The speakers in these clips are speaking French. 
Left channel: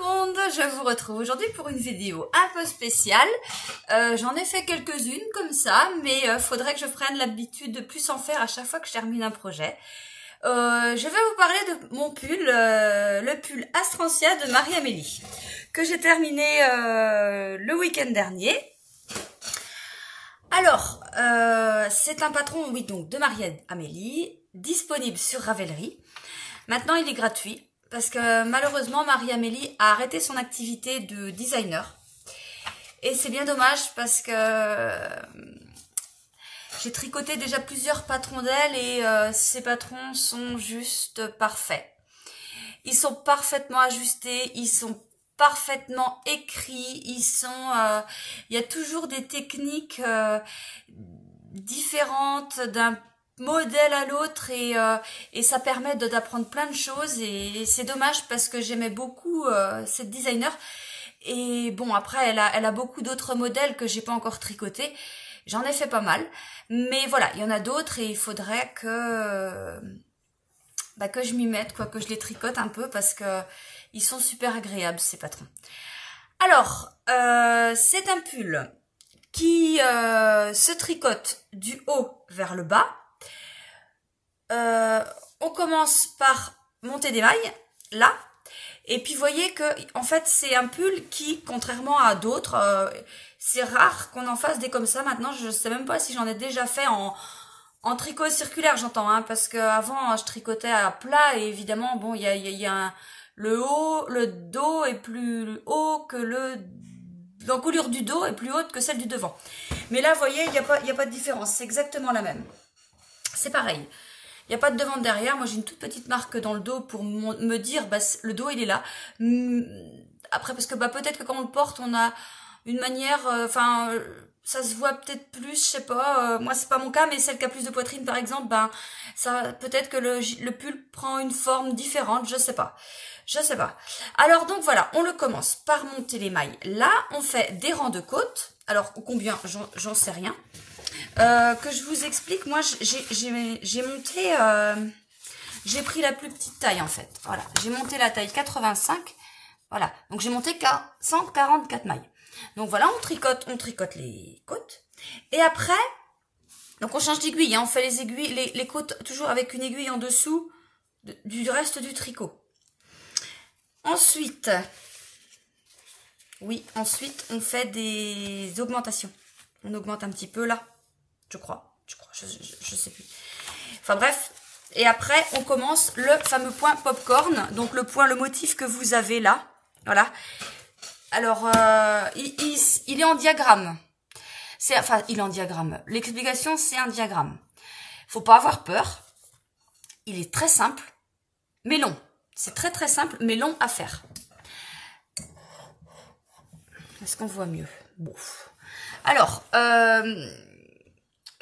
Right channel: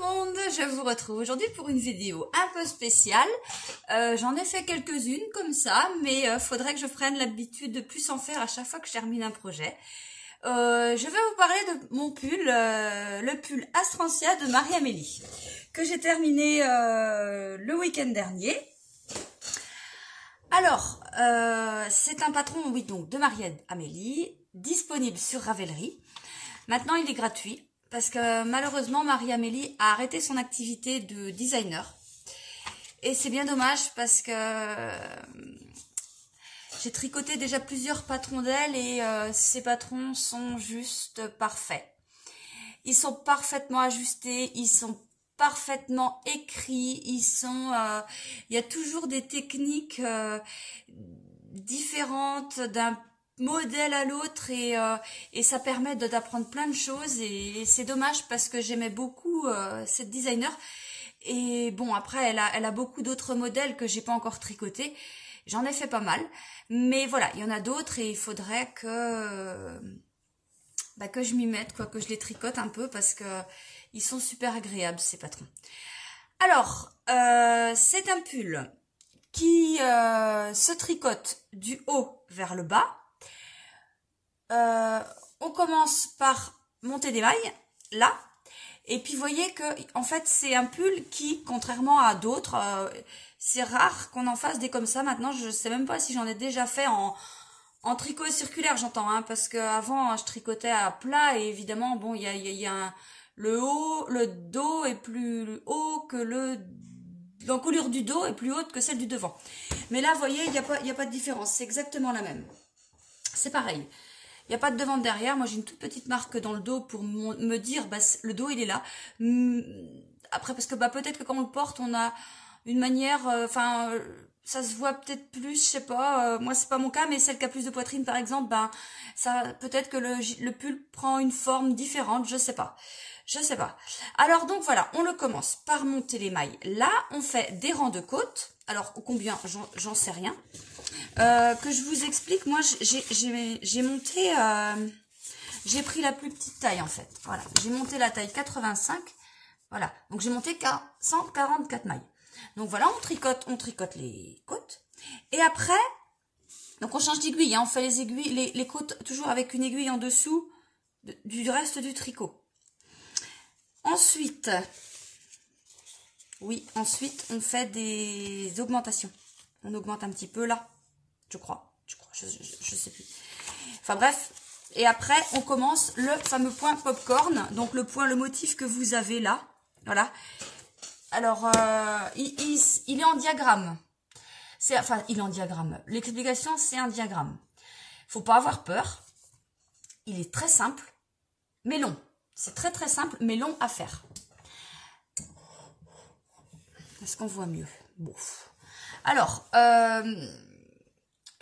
le monde, je vous retrouve aujourd'hui pour une vidéo un peu spéciale. J'en ai fait quelques-unes comme ça, mais faudrait que je prenne l'habitude de plus en faire à chaque fois que je termine un projet. Je vais vous parler de mon pull, le pull Astrantia de Marie-Amélie, que j'ai terminé le week-end dernier. Alors, c'est un patron, oui, donc de Marie-Amélie, disponible sur Ravelry. Maintenant, il est gratuit. Parce que malheureusement, Marie-Amélie a arrêté son activité de designer. Et c'est bien dommage parce que j'ai tricoté déjà plusieurs patrons d'elle et ces patrons sont juste parfaits. Ils sont parfaitement ajustés, ils sont parfaitement écrits, ils sont... il y a toujours des techniques différentes d'un modèle à l'autre et ça permet d'apprendre plein de choses et c'est dommage parce que j'aimais beaucoup cette designer et bon après elle a beaucoup d'autres modèles que j'ai pas encore tricoté, j'en ai fait pas mal mais voilà il y en a d'autres et il faudrait que je m'y mette quoi, que je les tricote un peu parce que ils sont super agréables ces patrons. Alors c'est un pull qui se tricote du haut vers le bas. On commence par monter des mailles, là, et puis vous voyez que en fait c'est un pull qui, contrairement à d'autres, c'est rare qu'on en fasse des comme ça. Maintenant, je sais même pas si j'en ai déjà fait en tricot circulaire, j'entends, hein, parce qu'avant je tricotais à plat et évidemment, bon, il y a le dos est plus haut que l'encolure du dos est plus haute que celle du devant. Mais là, vous voyez, il y a pas de différence, c'est exactement la même. C'est pareil. Il n'y a pas de devant de derrière. Moi, j'ai une toute petite marque dans le dos pour me dire, le dos, il est là. Après, parce que peut-être que quand on le porte, on a une manière... ça se voit peut-être plus, je sais pas. Moi, c'est pas mon cas, mais celle qui a plus de poitrine, par exemple, ça peut-être que le pull prend une forme différente, je sais pas. Je sais pas. Alors, donc, voilà, on le commence par monter les mailles. Là, on fait des rangs de côtes. Alors, combien, j'en sais rien. Que je vous explique, moi j'ai monté, j'ai pris la plus petite taille en fait, voilà, j'ai monté la taille 85, voilà, donc j'ai monté 144 mailles, donc voilà, on tricote les côtes, et après, donc on change d'aiguille, hein, on fait les aiguilles, les côtes toujours avec une aiguille en dessous du reste du tricot. Ensuite, on fait des augmentations, on augmente un petit peu là. Je crois, je sais plus. Enfin bref, et après on commence le fameux point popcorn, donc le motif que vous avez là, voilà. Alors il est en diagramme. Il est en diagramme. L'explication c'est un diagramme. Faut pas avoir peur. Il est très simple, mais long. C'est très très simple, mais long à faire. Est-ce qu'on voit mieux? Bon. Alors.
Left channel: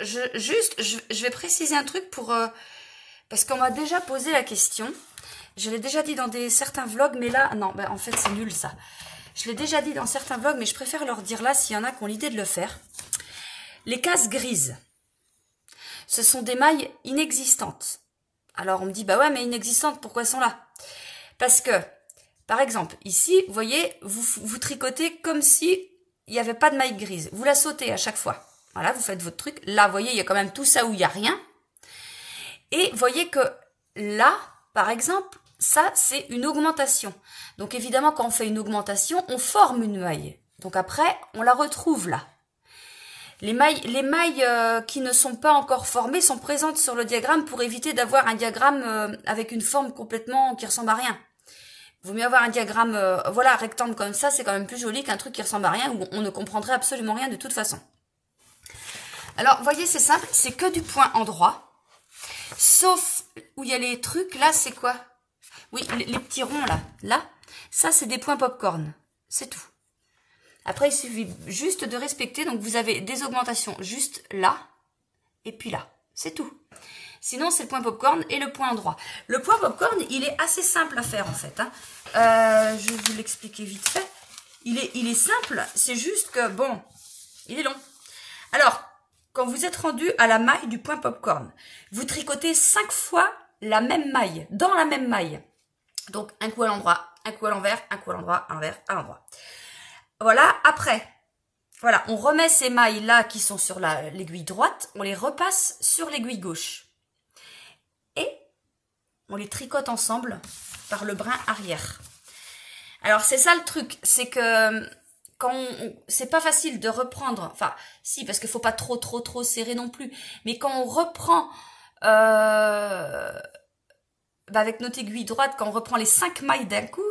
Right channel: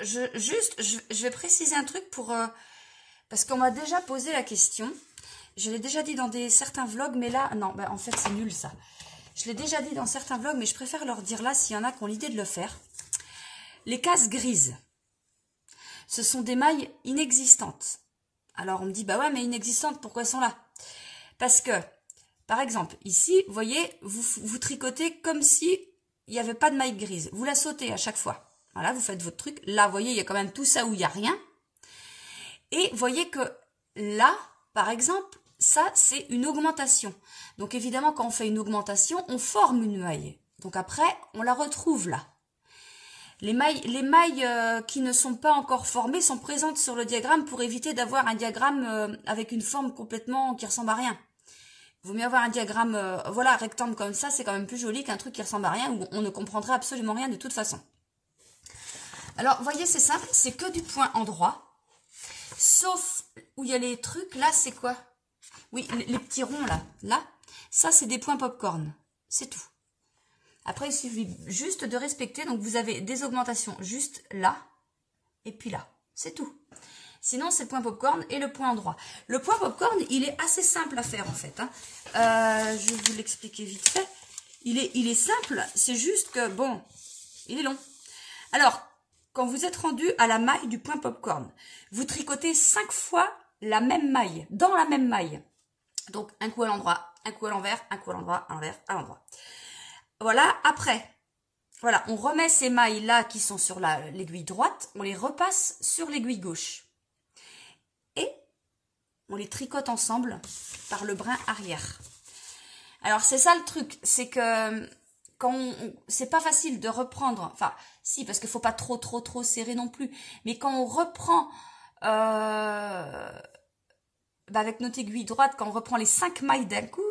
Je vais préciser un truc parce qu'on m'a déjà posé la question. Je l'ai déjà dit dans certains vlogs, mais là, non, en fait, c'est nul ça. Je l'ai déjà dit dans certains vlogs, mais je préfère leur dire là s'il y en a qui ont l'idée de le faire. Les cases grises, ce sont des mailles inexistantes. Alors, on me dit, bah ouais, mais inexistantes, pourquoi elles sont là? Parce que, par exemple, ici, vous voyez, vous tricotez comme si il n'y avait pas de maille grise. Vous la sautez à chaque fois. Voilà, vous faites votre truc. Là, vous voyez, il y a quand même tout ça où il n'y a rien. Et vous voyez que là, par exemple, ça, c'est une augmentation. Donc, évidemment, quand on fait une augmentation, on forme une maille. Donc, après, on la retrouve là. Les mailles qui ne sont pas encore formées sont présentes sur le diagramme pour éviter d'avoir un diagramme avec une forme complètement qui ressemble à rien. Il vaut mieux avoir un diagramme voilà, rectangle comme ça, c'est quand même plus joli qu'un truc qui ressemble à rien où on ne comprendrait absolument rien de toute façon. Alors, vous voyez, c'est simple, c'est que du point endroit. Sauf où il y a les trucs, là, c'est quoi? Oui, les petits ronds, là, ça, c'est des points popcorn. C'est tout. Après, il suffit juste de respecter. Donc, vous avez des augmentations juste là et puis là. C'est tout. Sinon, c'est le point popcorn et le point endroit. Le point popcorn, il est assez simple à faire, en fait. Hein. Je vais vous l'expliquer vite fait. Il est simple, c'est juste que, bon, il est long. Alors, quand vous êtes rendu à la maille du point popcorn, vous tricotez 5 fois la même maille, dans la même maille. Donc, un coup à l'endroit, un coup à l'envers, un coup à l'endroit, à l'envers, à l'endroit. Voilà, après, voilà, on remet ces mailles-là qui sont sur l'aiguille droite, on les repasse sur l'aiguille gauche. Et on les tricote ensemble par le brin arrière. Alors, c'est ça le truc, c'est que quand c'est pas facile de reprendre, enfin, si, parce qu'il faut pas trop serrer non plus, mais quand on reprend avec notre aiguille droite, quand on reprend les 5 mailles d'un coup,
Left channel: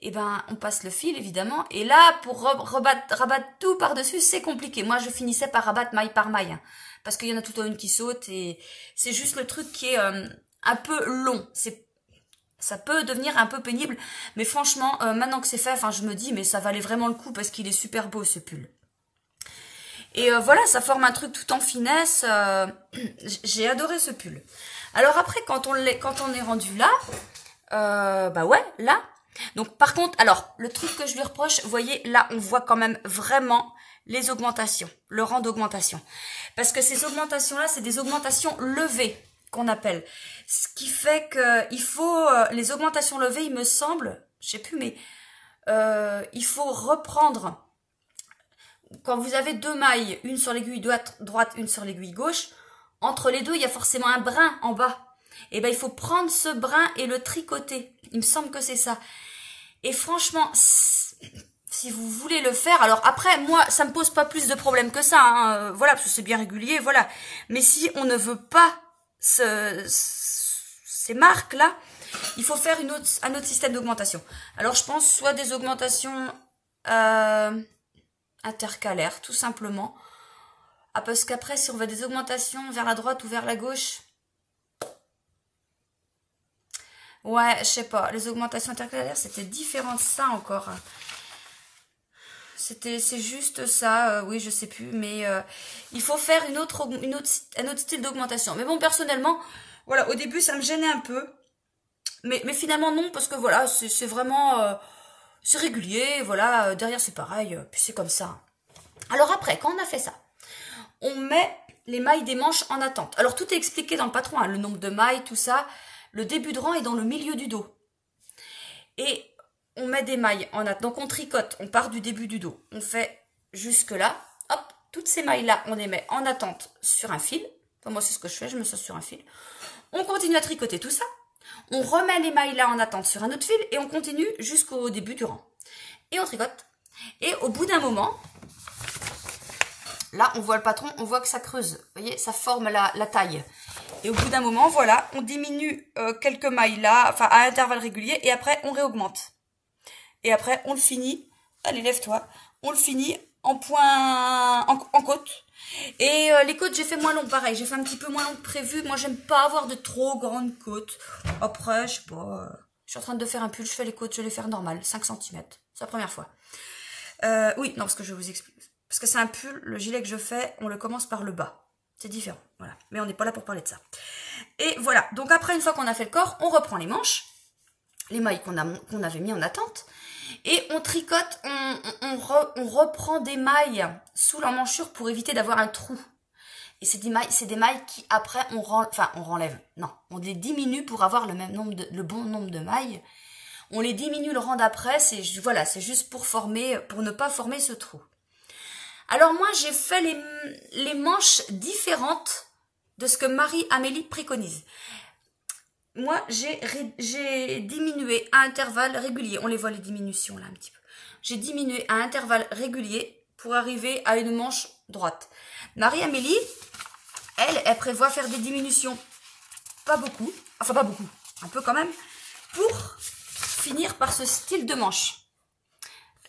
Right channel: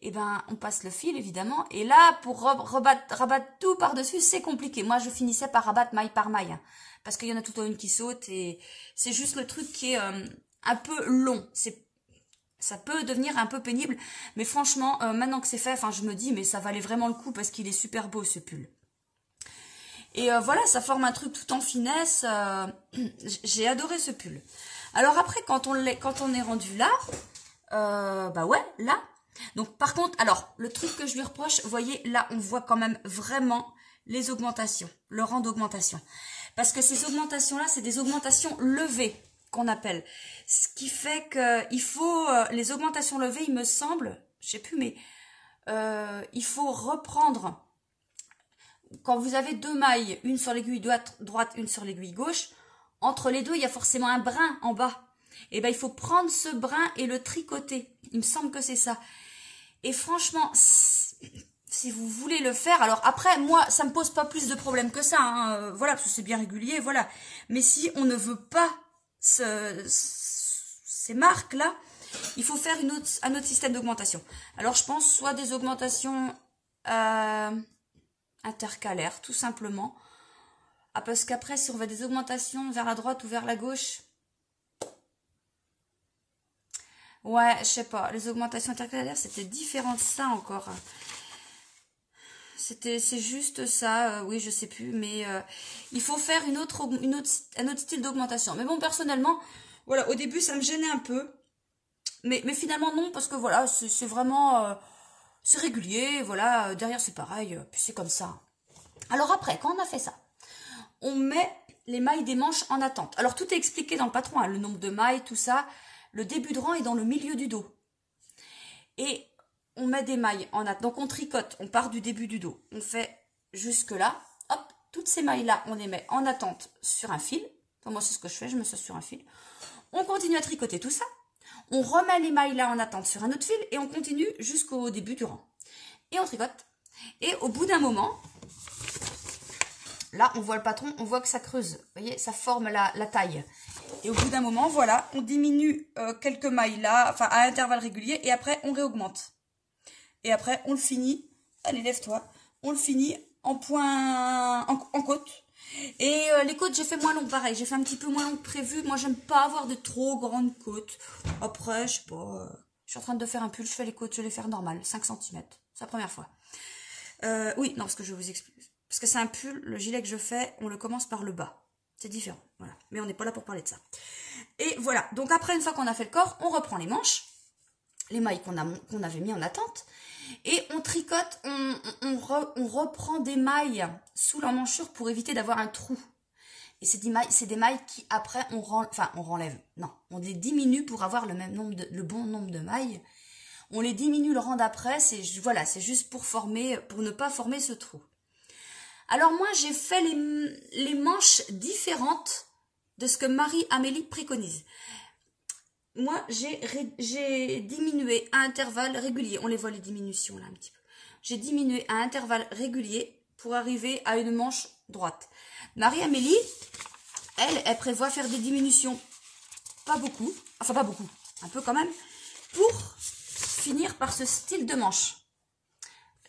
et ben on passe le fil évidemment, et là pour rabattre tout par-dessus, c'est compliqué. Moi je finissais par rabattre maille par maille, hein, parce qu'il y en a tout le temps une qui saute, et c'est juste le truc qui est un peu long. Ça peut devenir un peu pénible, mais franchement, maintenant que c'est fait, enfin je me dis, mais ça valait vraiment le coup, parce qu'il est super beau ce pull. Et voilà, ça forme un truc tout en finesse. J'ai adoré ce pull. Alors après, quand on est rendu là, bah ouais, là. Donc par contre, alors, le truc que je lui reproche, vous voyez, là, on voit quand même vraiment les augmentations, le rang d'augmentation. Parce que ces augmentations-là, c'est des augmentations levées qu'on appelle. Ce qui fait qu'il faut, les augmentations levées, il me semble, je sais plus, mais il faut reprendre. Quand vous avez 2 mailles, une sur l'aiguille droite, une sur l'aiguille gauche, entre les deux, il y a forcément un brin en bas. Et ben il faut prendre ce brin et le tricoter. Il me semble que c'est ça. Et franchement, si vous voulez le faire, alors après, moi, ça me pose pas plus de problèmes que ça. Hein, voilà, parce que c'est bien régulier, voilà. Mais si on ne veut pas ces marques-là, il faut faire un autre système d'augmentation. Alors, je pense soit des augmentations intercalaires, tout simplement. Ah, parce qu'après, si on veut des augmentations vers la droite ou vers la gauche... Ouais, je sais pas. Les augmentations intercalaires, c'était différent de ça encore. C'est juste ça. Oui, je sais plus. Mais il faut faire un autre style d'augmentation. Mais bon, personnellement, voilà, au début, ça me gênait un peu. Mais finalement, non, parce que voilà, c'est vraiment... c'est régulier, voilà. Derrière, c'est pareil. Puis c'est comme ça. Alors après, quand on a fait ça, on met les mailles des manches en attente. Alors, tout est expliqué dans le patron, hein, le nombre de mailles, tout ça. Le début de rang est dans le milieu du dos. Et on met des mailles en attente. Donc, on tricote. On part du début du dos. On fait jusque là. Hop, toutes ces mailles-là, on les met en attente sur un fil. Enfin, moi, c'est ce que je fais. Je me sois sur un fil. On continue à tricoter tout ça. On remet les mailles-là en attente sur un autre fil. Et on continue jusqu'au début du rang. Et on tricote. Et au bout d'un moment... Là, on voit le patron, on voit que ça creuse. Vous voyez, ça forme la taille. Et au bout d'un moment, voilà, on diminue quelques mailles là, enfin à intervalles réguliers, et après, on réaugmente. Et après, on le finit. Allez, lève-toi. On le finit en point, en côte. Et les côtes, j'ai fait moins long, pareil. J'ai fait un petit peu moins long que prévu. Moi, j'aime pas avoir de trop grandes côtes. Après, je sais pas. Je suis en train de faire un pull, je fais les côtes, je vais les faire normales, 5 cm. C'est la première fois. Oui, non, parce que je vous explique. Parce que c'est un pull, le gilet que je fais, on le commence par le bas. C'est différent, voilà. Mais on n'est pas là pour parler de ça. Et voilà, donc après, une fois qu'on a fait le corps, on reprend les manches, les mailles qu'on avait mis en attente, et on tricote, on reprend des mailles sous l'emmanchure pour éviter d'avoir un trou. Et c'est des mailles qui, après, on renlève. Non, on les diminue pour avoir le bon nombre de mailles. On les diminue le rang d'après, c'est juste pour ne pas former ce trou. Alors moi, j'ai fait les manches différentes de ce que Marie-Amélie préconise. Moi, j'ai diminué à intervalles réguliers. On les voit les diminutions là un petit peu. J'ai diminué à intervalles réguliers pour arriver à une manche droite. Marie-Amélie, elle prévoit faire des diminutions. Pas beaucoup, enfin pas beaucoup, un peu quand même, pour finir par ce style de manche.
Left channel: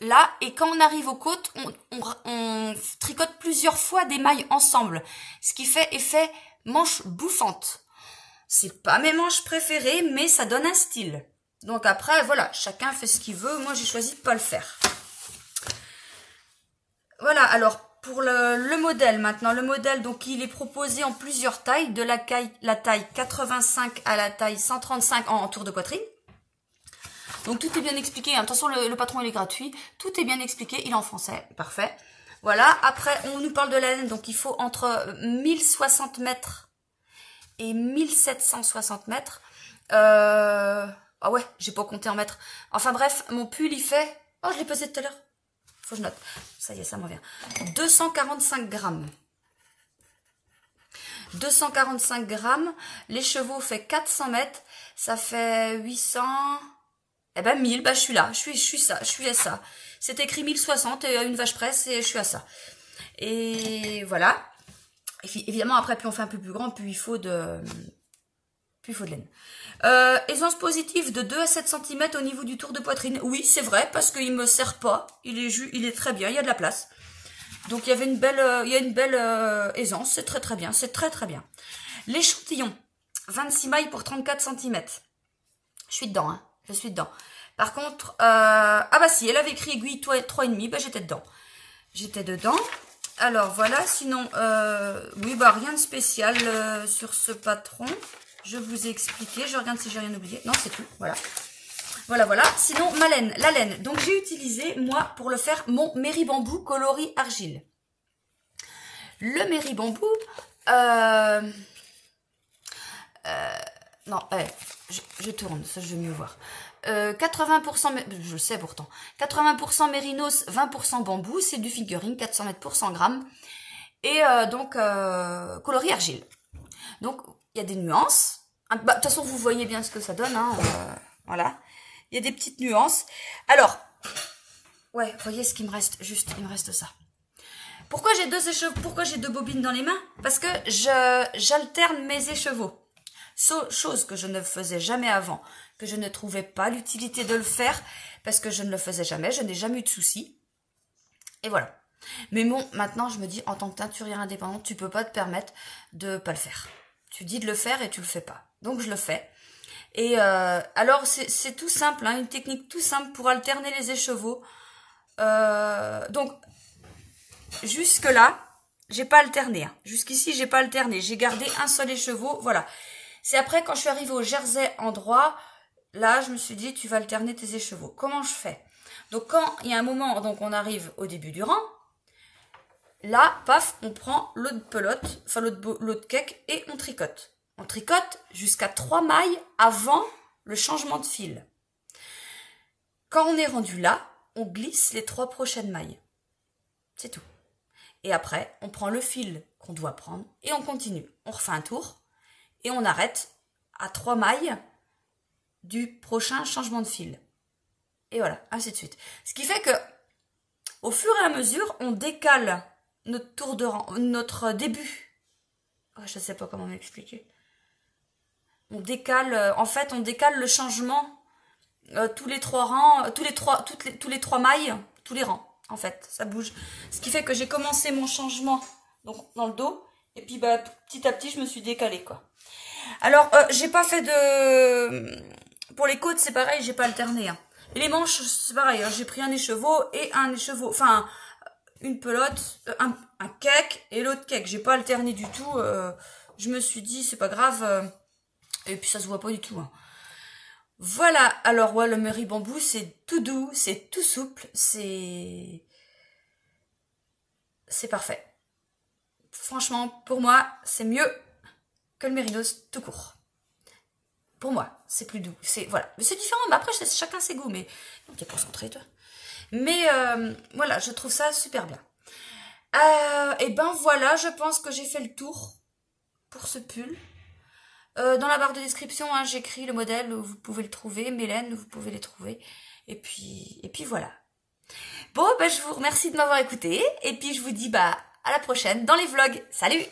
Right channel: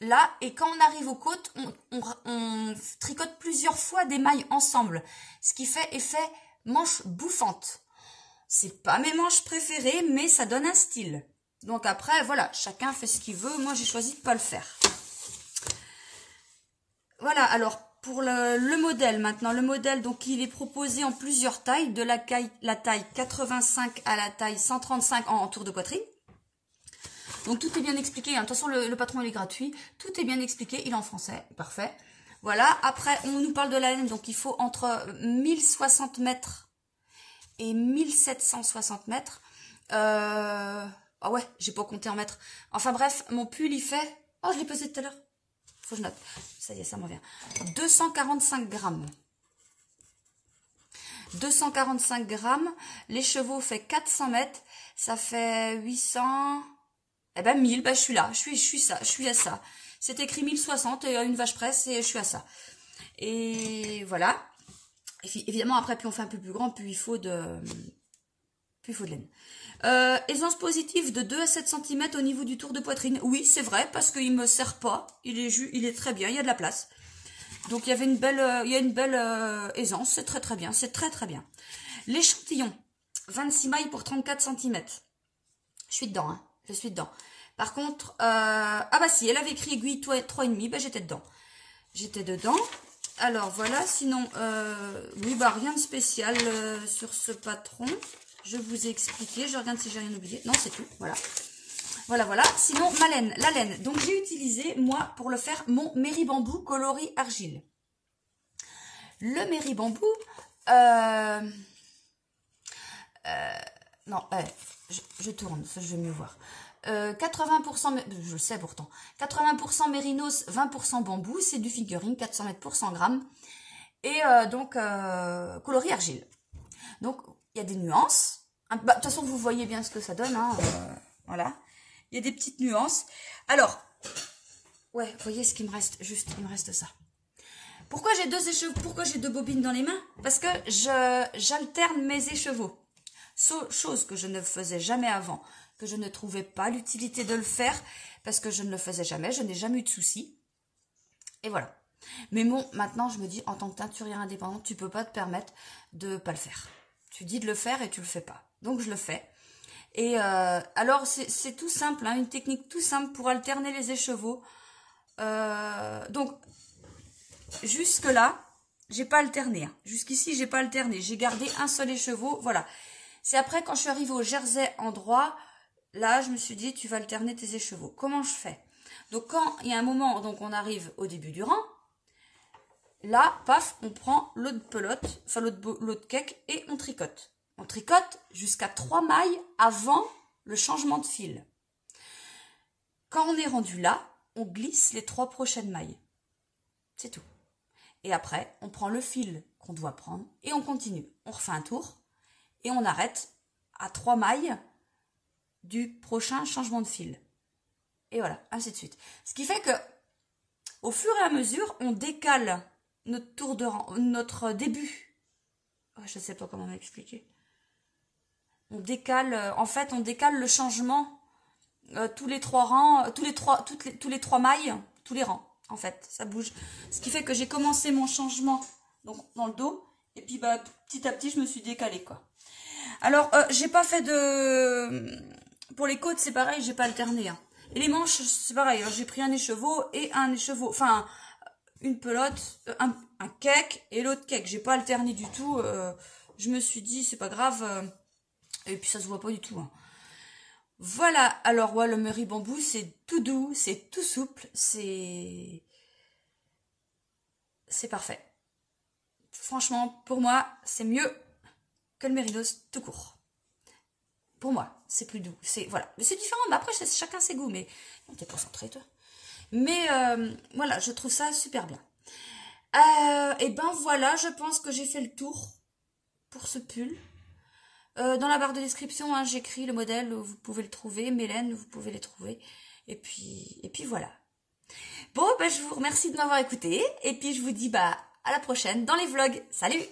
Là, et quand on arrive aux côtes, on tricote plusieurs fois des mailles ensemble. Ce qui fait effet manche bouffante. C'est pas mes manches préférées, mais ça donne un style. Donc après, voilà, chacun fait ce qu'il veut. Moi, j'ai choisi de pas le faire. Voilà, alors, pour le modèle maintenant. Le modèle, donc, il est proposé en plusieurs tailles. De la taille 85 à la taille 135 en tour de poitrine. Donc tout est bien expliqué, hein. De toute façon le patron il est gratuit, tout est bien expliqué, il est en français, parfait. Voilà, après on nous parle de la laine, donc il faut entre 1060 mètres et 1760 mètres. Ah ouais, j'ai pas compté en mettre. Enfin bref, mon pull, il fait... Oh, je l'ai pesé tout à l'heure. Faut que je note. Ça y est, ça m'en vient. 245 grammes. 245 grammes. Les chevaux fait 400 mètres. Ça fait 800... Eh ben 1000, ben je suis là. Je suis à ça. C'est écrit 1060 et une vache presse et je suis à ça. Et voilà. Et puis, évidemment, après, plus on fait un peu plus grand, plus il faut de laine. Aisance positive de 2 à 7 cm au niveau du tour de poitrine. Oui, c'est vrai, parce qu'il me serre pas. Il est très bien, il y a de la place. Donc, il y a une belle aisance. C'est très, très bien. C'est très, très bien. L'échantillon. 26 mailles pour 34 cm. Je suis dedans, hein. Je suis dedans. Par contre, ah bah si, elle avait écrit aiguille 3,5, bah j'étais dedans. J'étais dedans. Alors voilà, sinon, oui, bah rien de spécial sur ce patron. Je vous ai expliqué, je regarde si j'ai rien oublié. Non, c'est tout, voilà. Voilà. Sinon, ma laine, la laine. Donc j'ai utilisé, moi, pour le faire, mon Méribambou coloris argile. Le Méribambou, non, je tourne, ça je veux mieux voir. 80%, je sais pourtant, 80% mérinos, 20% bambou, c'est du figurine, 400 mètres pour 100 grammes. Et donc, coloris argile. Donc, il y a des nuances. De toute façon, vous voyez bien ce que ça donne. Hein, voilà. Il y a des petites nuances. Alors, ouais, vous voyez ce qu'il me reste. Juste, il me reste ça. Pourquoi j'ai deux écheveaux? Pourquoi j'ai deux bobines dans les mains? Parce que j'alterne mes écheveaux. Chose que je ne faisais jamais avant, que je ne trouvais pas l'utilité de le faire, parce que je ne le faisais jamais, je n'ai jamais eu de soucis. Et voilà. Mais bon, maintenant, je me dis, en tant que teinturière indépendante, tu peux pas te permettre de pas le faire. Tu dis de le faire et tu le fais pas. Donc, je le fais. Et alors, c'est tout simple, hein, une technique tout simple pour alterner les écheveaux. Donc, jusque-là, j'ai pas alterné. Hein. Jusqu'ici, j'ai pas alterné. J'ai gardé un seul écheveau, voilà. C'est après, quand je suis arrivée au jersey en droit, là, je me suis dit, tu vas alterner tes écheveaux. Comment je fais? Donc, quand il y a un moment, donc on arrive au début du rang, là, paf, on prend l'autre pelote, enfin l'autre cake, et on tricote. On tricote jusqu'à 3 mailles avant le changement de fil. Quand on est rendu là, on glisse les 3 prochaines mailles. C'est tout. Et après, on prend le fil qu'on doit prendre et on continue. On refait un tour et on arrête à 3 mailles du prochain changement de fil. Et voilà, ainsi de suite. Ce qui fait que, au fur et à mesure, on décale notre tour de rang, notre début. Oh, je ne sais pas comment m'expliquer. On décale, en fait, on décale le changement tous les 3 rangs, tous les 3 mailles, tous les rangs. En fait, ça bouge. Ce qui fait que j'ai commencé mon changement donc dans le dos. Et puis, bah, petit à petit, je me suis décalée, quoi. Alors, j'ai pas fait de... Pour les côtes, c'est pareil, j'ai pas alterné. Hein. Et les manches, c'est pareil. J'ai pris un écheveau et un écheveau. Enfin, une pelote, un cake et l'autre cake. J'ai pas alterné du tout. Je me suis dit, c'est pas grave. Et puis, ça se voit pas du tout. Hein. Voilà, alors ouais, le Méribambou, c'est tout doux, c'est tout souple, c'est parfait. Franchement, pour moi, c'est mieux que le Mérinos tout court. Pour moi, c'est plus doux, voilà. Mais c'est différent, mais après, chacun ses goûts, mais non, t'es concentré, toi. Mais voilà, je trouve ça super bien. Et ben voilà, je pense que j'ai fait le tour pour ce pull. Dans la barre de description, hein, j'écris le modèle, vous pouvez le trouver, Mélène, vous pouvez les trouver. Et puis voilà. Bon, ben, je vous remercie de m'avoir écouté. Et puis je vous dis à la prochaine dans les vlogs. Salut!